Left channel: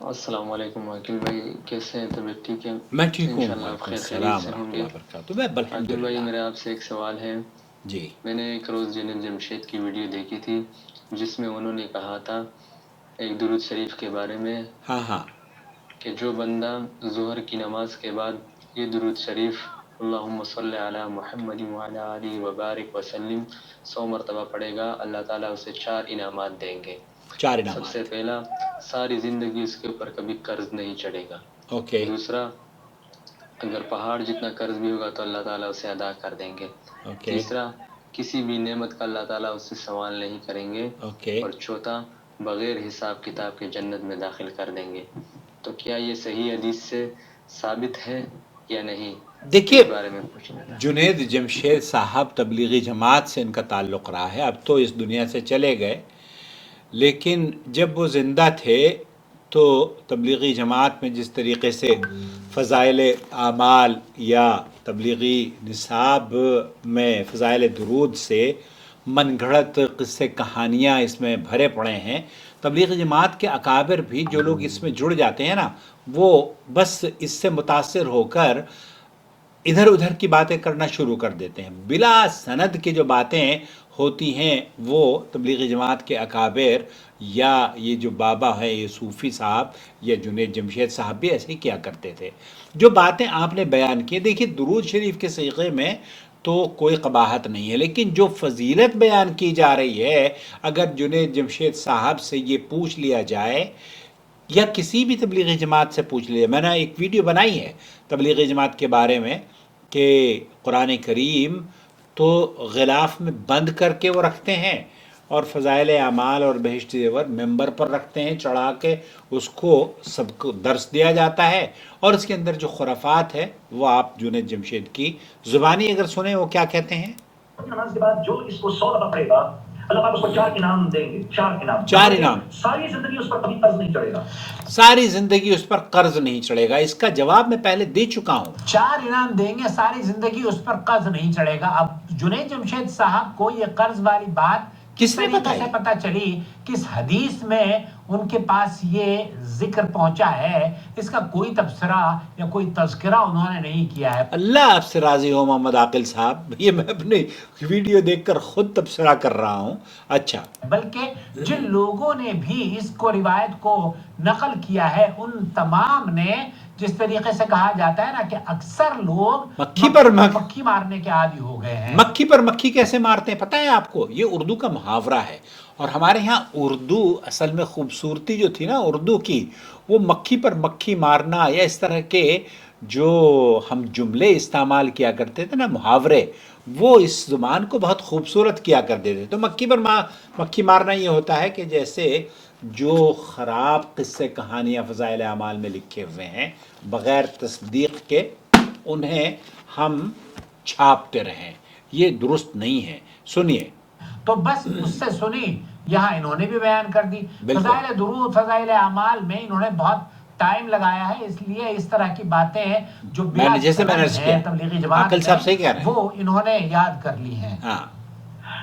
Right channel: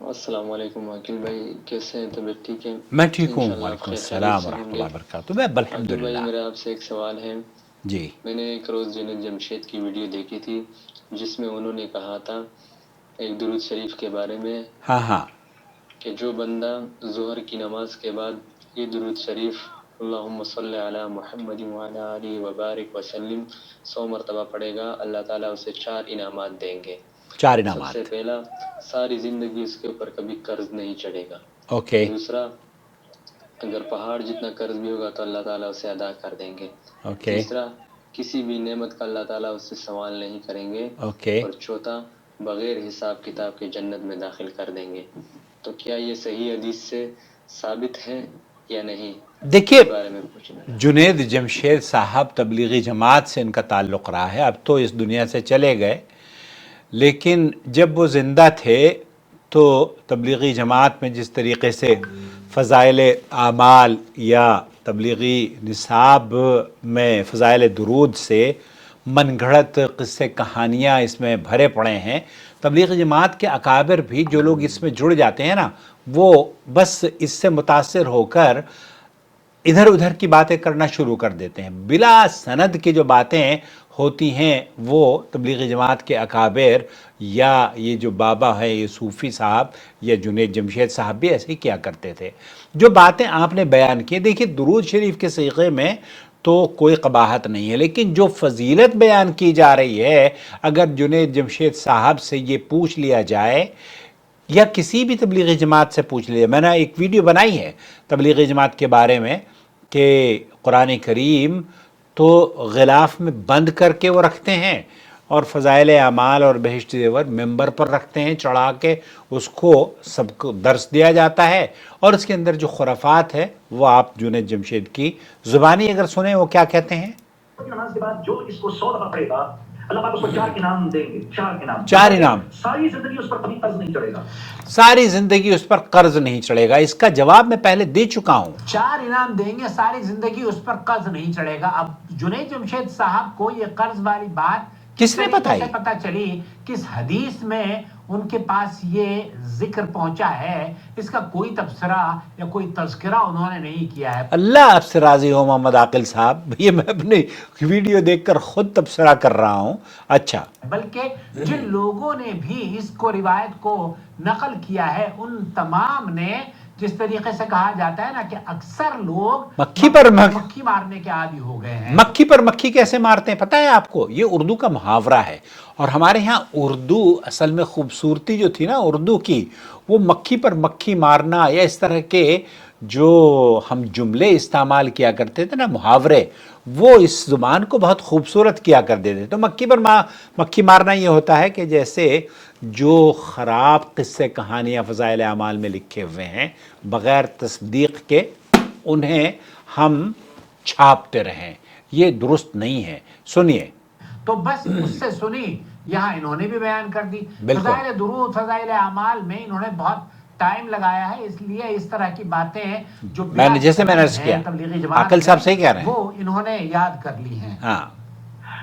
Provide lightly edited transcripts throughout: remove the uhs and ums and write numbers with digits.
السلام علیکم عاقل بھائی، کیسے ہیں؟ طبیعت ٹھیک ہے؟ میں ٹھیک ہوں، انشاءاللہ آپ وعلیکم خیر خیریت السلام سے ہوں ورحمۃ گے۔ اللہ وبرکاتہ، میں عاقل بھائی، الحمدللہ۔ میرا آپ سے ایک سوال ہے۔ جی میں نے ایک روز جنید جمشید کی ویڈیو دیکھی تھی جس میں انہوں نے کہا تھا ایک درود شریف کے بارے میں ہاں ہاں کہ جو بندہ ظہر کی نماز کے بعد یہ درود شریف اللہم صلی علی محمد وعلی آلہ وبارک وسلم 100 مرتبہ پڑھے گا، اللہ تعالیٰ اسے 4 انعامات دیں گے۔ 4 سب سے انعامات۔ پہلا، ساری زندگی اس کے اوپر کبھی قرض نہیں چڑھے گا۔ اوکے دوسرا، اگر پہاڑ جتنا قرض بھی ہوگا تو اللہ تعالیٰ اسے ادا کر دیں گے۔ اوکے تیسرا، کسی بھی نعمت کا اللہ تعالیٰ اس سے سوال نہیں کریں گے۔ اوکے۔ اور چوتھا، بغیر حساب کتاب کے جنت میں داخل کر دیں گے۔ تو کیا یہ صحیح حدیث سے ثابت ہے یا نہیں؟ دیکھیے، اس بارے میں پوچھنا تھا۔ جنید جمشید صاحب تبلیغی جماعت سے ان کا تعلق رہا ہے، اب تو اس دنیا سے چلے گئے، لیکن جب وہ زندہ تھے تو تبلیغی جماعت میں جس طریقے سے فضائل اعمال یا تبلیغی نصاب میں فضائل درود سے من گھڑت قصے کہانیاں اس میں بھرے پڑے ہیں، تبلیغی جماعت کے اکابر بھی جو لوگ اس میں جڑ جاتے ہیں نا، وہ بس اس سے متاثر ہو کر ادھر ادھر کی باتیں کرنا شروع کر دیتے ہیں، بلا سند کی جو باتیں ہوتی ہیں وہ تبلیغی جماعت کے اکابر یا یہ جو بابا ہیں، یہ صوفی صاحب یا جنید جمشید صاحب بھی ایسے ہی کیا کرتے تھے۔ جو باتیں آپ نے بیان کی، دیکھیے درود شریف کے صیغے میں تو کوئی قباحت نہیں ہے، لیکن جو فضیلت بیان کی جا رہی ہے، اگر جنید جمشید صاحب سے یہ پوچھ لیا جائے یا کسی بھی تبلیغی جماعت سے پوچھ لیا، میں نے ایک ویڈیو بنائی ہے تبلیغی جماعت کے بارے میں کہ قرآن کریم تو غلاف میں بند کر کے وہ رکھتے ہیں اور فضائل اعمال اور بہشت زیور ممبر پر رکھتے ہیں چڑھا کے، اس کو سب کو درس دیا جاتا ہے، اور اس کے اندر جو خرافات ہے وہ آپ جنید جمشید کی زبانی اگر سنیں وہ کیا کہتے ہیں۔ نماز کے بعد جو اس کو 100 دفعہ پڑھے گا، اللہ پاک اس کو 4 انعام دیں گے، 4 انعام، 4 انعام، ساری زندگی اس پر کبھی قرض نہیں چڑھے گا، ساری زندگی اس پر قرض نہیں چڑھے گا۔ اس کا جواب میں پہلے دے چکا ہوں، 4 انعام دیں گے، ساری زندگی اس پر قرض نہیں چڑھے گا۔ اب جنید جمشید صاحب کو یہ قرض والی بات کس نے پتہ چلی؟ کس حدیث میں ان کے پاس یہ ذکر پہنچا ہے؟ اس کا کوئی تبصرہ یا کوئی تذکرہ انہوں نے نہیں کیا ہے۔ اللہ آپ سے راضی ہو محمد عاقل صاحب، یہ میں اپنی ویڈیو دیکھ کر خود تبصرہ کر رہا ہوں۔ اچھا، بلکہ جن لوگوں نے بھی اس کو روایت کو نقل کیا ہے ان تمام نے، جس طریقے سے کہا جاتا ہے نا کہ اکثر لوگ مکھی پر مکھی مارنے کے عادی ہو گئے ہیں۔ مکھی پر مکھی کیسے مارتے ہیں پتہ ہے آپ کو؟ یہ اردو کا محاورہ ہے، اور ہمارے ہاں اردو اصل میں خوبصورتی جو تھی نا اردو کی، وہ مکھی پر مکھی مارنا یا اس طرح کے جو ہم جملے استعمال کیا کرتے تھے نا، محاورے، وہ اس زبان کو بہت خوبصورت کیا کرتے تھے۔ تو مکھی پر مکھی مارنا یہ ہوتا ہے کہ جیسے جو خراب قصے کہانیاں فضائل اعمال میں لکھے ہوئے ہیں بغیر تصدیق کے انہیں ہم چھاپتے رہیں، یہ درست نہیں ہے۔ سنیے تو بس اس سے سنی، یہاں انہوں نے بھی بیان کر دی۔ فضائل درود، فضائل اعمال میں انہوں نے بہت ٹائم لگایا ہے، اس لیے اس طرح کی باتیں جو جیسے میں نے تبلیغی جماعت عاقل صاحب صحیح کہہ رہے ہیں، وہ انہوں نے یاد کر لی ہیں۔ ہاں،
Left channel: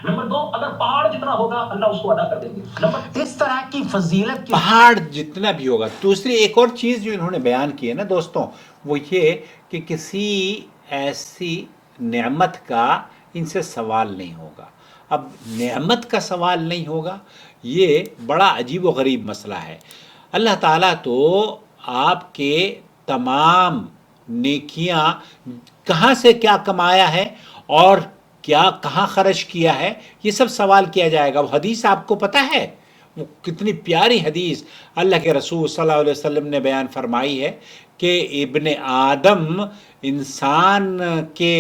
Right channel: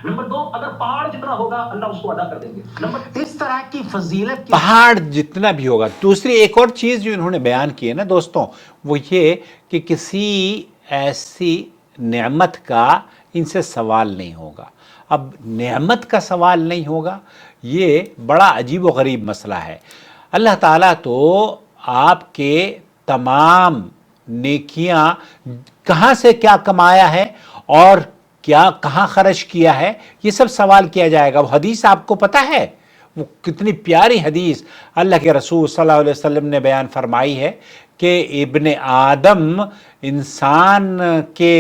نمبر 2، اگر پہاڑ جتنا ہوگا اللہ اس کو ادا کر دیں گے۔ اس طرح کی فضیلت، پہاڑ جتنا بھی ہوگا۔ دوسری ایک اور چیز جو انہوں نے بیان کی ہے نا دوستوں، وہ یہ کہ کسی ایسی نعمت کا ان سے سوال نہیں ہوگا۔ اب نعمت کا سوال نہیں ہوگا، یہ بڑا عجیب و غریب مسئلہ ہے۔ اللہ تعالیٰ تو آپ کے تمام نیکیاں کہاں سے کیا کمایا ہے اور کیا کہاں خرچ کیا ہے، یہ سب سوال کیا جائے گا۔ وہ حدیث آپ کو پتہ ہے، وہ کتنی پیاری حدیث اللہ کے رسول صلی اللہ علیہ وسلم نے بیان فرمائی ہے کہ ابن آدم، انسان کے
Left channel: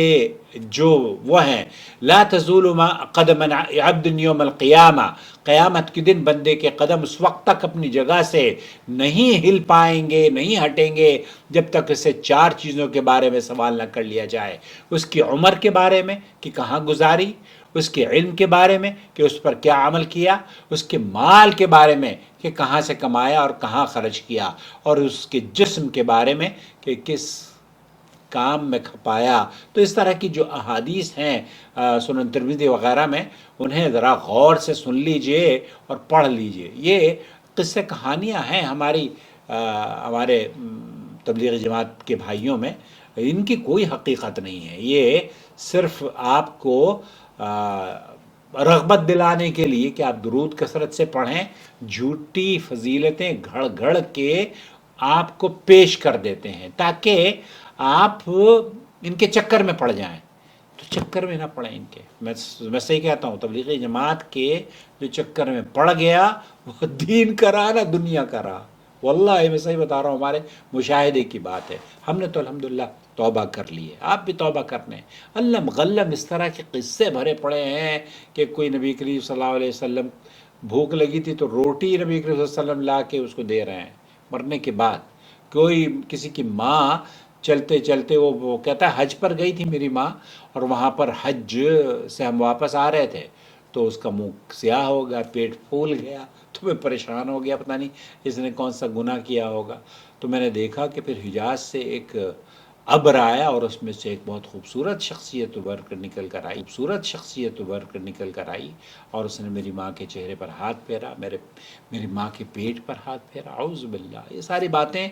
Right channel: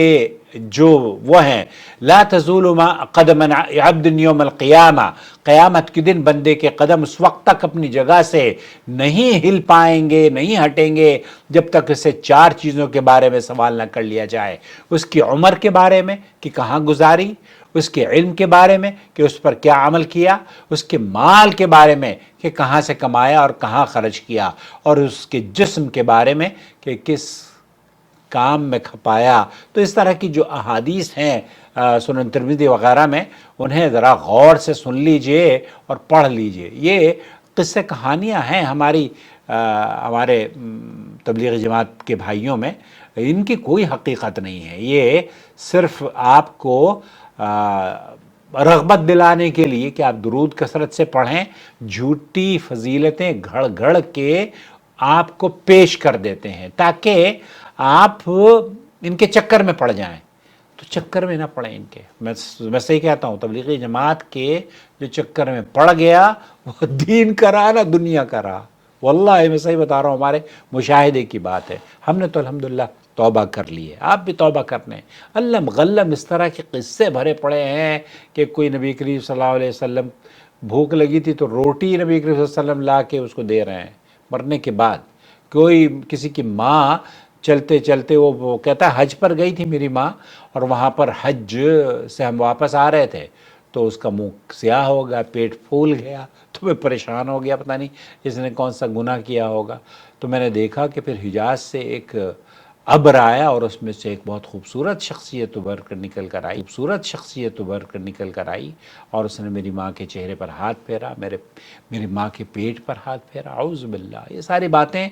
جو وہ ہیں، لا تزول ما قدم عبد یوم القیامہ، قیامت کے دن بندے کے قدم اس وقت تک اپنی جگہ سے نہیں ہل پائیں گے، نہیں ہٹیں گے جب تک اسے 4 چیزوں کے بارے میں سوال نہ کر لیا جائے۔ اس کی عمر کے بارے میں کہ کہاں گزاری، اس کے علم کے بارے میں کہ اس پر کیا عمل کیا، اس کے مال کے بارے میں کہ کہاں سے کمایا اور کہاں خرچ کیا، اور اس کے جسم کے بارے میں کہ کس کام میں کھپایا۔ تو اس طرح کی جو احادیث ہیں سنن ترمذی وغیرہ میں، انہیں ذرا غور سے سن لیجئے اور پڑھ لیجئے۔ یہ قصے کہانیاں ہیں ہماری ہمارے تبلیغی جماعت کے بھائیوں میں ان کی کوئی حقیقت نہیں ہے. یہ صرف آپ کو رغبت دلانے کے لیے کہ آپ درود کثرت سے پڑھیں، جھوٹی فضیلتیں گھڑ گھڑ کے آپ کو پیش کر دیتے ہیں تاکہ آپ ان کے چکر میں پڑ جائیں. تو چکر میں نہ پڑیں ان کے. میں صحیح کہتا ہوں، تبلیغی جماعت کے جو چکر میں پڑ گیا وہ دین کرا نہ دنیا کرا. واللہ میں صحیح بتا رہا ہوں، ہمارے مشاہدے کی بات ہے. ہم نے تو الحمدللہ توبہ کر لی ہے، آپ بھی توبہ کرنے. اللہ غلب اس طرح کے قصے بھرے پڑے ہیں کہ کوئی نبی کریم صلی اللہ علیہ وسلم بھوک لگی تھی تو روٹی نبی کریم صلی اللہ علیہ وسلم لا کے اس کو دے رہے ہیں مرنے کے بعد. کوئی کسی کی ماں چلتے چلتے وہ کہتا ہے حج پر گئی تھی میری ماں، اور وہاں پر حج سے ہم واپس آ رہے تھے تو اس کا منہ سیاہ ہو گیا، پیٹ پھول گیا، تو میں پریشان ہو گیا، پتہ نہیں اس نے کون سا گناہ کیا ہوگا. تو میں نے دیکھا کہ پھر حجاز سے ایک ابر آیا اور اس میں سے ایک بہت خوبصورت شخصیت ابھر کر نکل کر آئی اور اس نے میری ماں کے چہرے پر ہاتھ پھیرا، میری ماں کے پیٹ پر ہاتھ پھیرا. اعوذ باللہ. یہ ساری باتیں.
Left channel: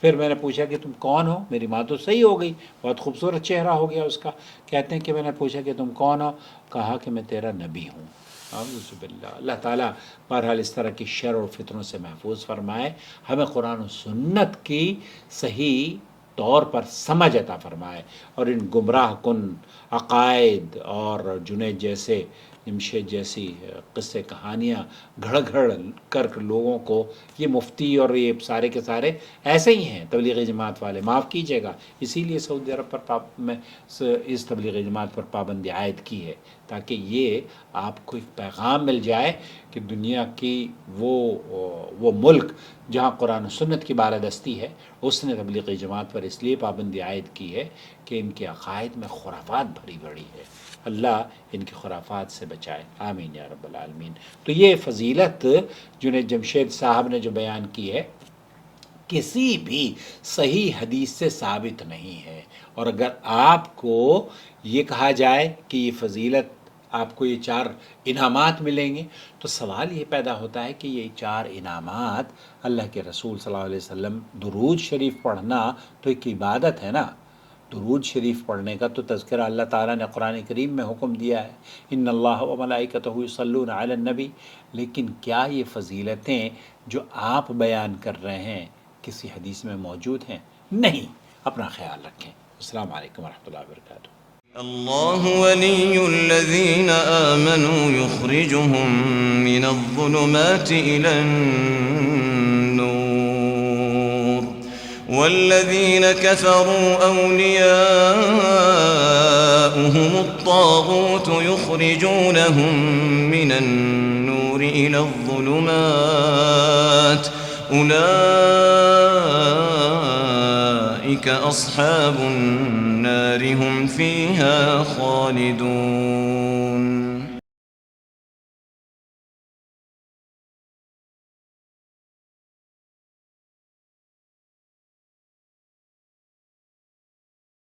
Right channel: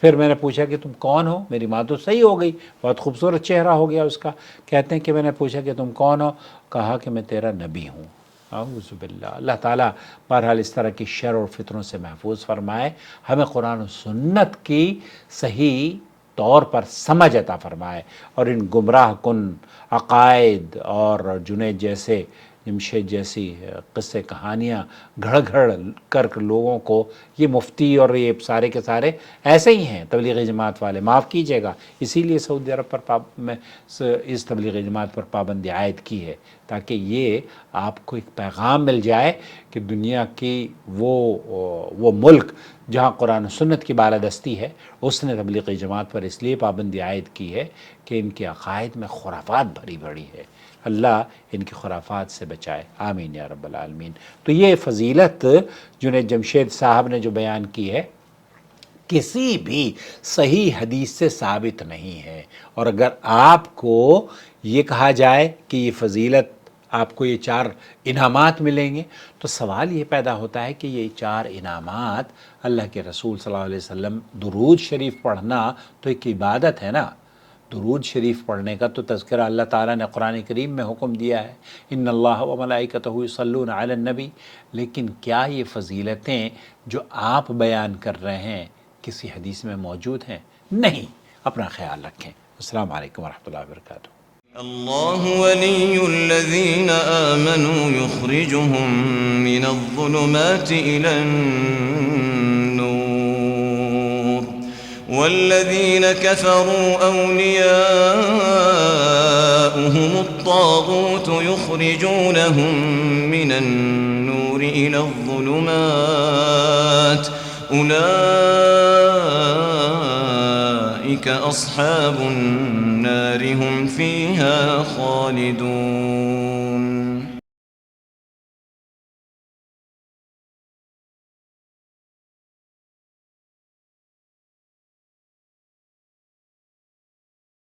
پھر میں نے پوچھا کہ تم کون ہو؟ میری ماں تو صحیح ہو گئی، بہت خوبصورت چہرہ ہو گیا اس کا. کہتے ہیں کہ میں نے پوچھا کہ تم کون ہو؟ کہا کہ میں تیرا نبی ہوں. اعوذ باللہ. اللہ تعالیٰ بہرحال اس طرح کی شر اور فتنوں سے محفوظ فرمائے، ہمیں قرآن و سنت کی صحیح طور پر سمجھ عطا فرمائے، اور ان گمراہ کن عقائد اور جنید جیسے جمشید جیسی قصے کہانیاں گھڑ گھڑ کر لوگوں کو، یہ مفتی اور یہ سارے کے سارے ایسے ہی ہیں تبلیغی جماعت والے، معاف کیجیے گا. اسی لیے سعودی عرب پر میں اس تبلیغی جماعت پر پابندی عائد کی ہے، تاکہ یہ آپ کو ایک پیغام مل جائے کہ دنیا کی وہ ملک جہاں قرآن و سنت کی بالادستی ہے، اس نے تبلیغی جماعت پر اس لیے پابندی عائد کی ہے کہ ان کے عقائد میں خرافات بھری بڑی ہے. اللہ ان کی خرافات سے بچائے، آمین یا رب العالمین. تو یہ فضیلت جنید جمشید صاحب نے جو بیان کی ہے کسی بھی صحیح حدیث سے ثابت نہیں ہے. اور اگر آپ کو یہ کہا جائے کہ یہ فضیلت آپ کو یہ 4 انعامات ملیں گے، تو سوال یہ پیدا ہوتا ہے کہ یہ 4 انعامات اللہ کے رسول صلی اللہ علیہ وسلم، درود شریف پڑھنا تو ایک عبادت ہے نا. درود شریف پڑھنے کا تو تذکرہ اللہ تعالیٰ نے قرآن کریم میں حکم دیا ہے، ان اللہ و ملائکتہ یصلون علی النبی. لیکن کیا یہ فضیلتیں جو آپ بیان کر رہے ہیں کسی حدیث میں موجود ہیں؟ نہیں. اپنا خیال رکھیں. السلام علیکم ورحمۃ اللہ وبرکاتہ. اللہ ولی الذین آمنوا یخرجهم من الظلمات إلى النور والذین كفروا أولیاؤهم الطاغوت یخرجونهم من النور إلى الظلمات أولئك أصحاب النار هم فيها خالدون.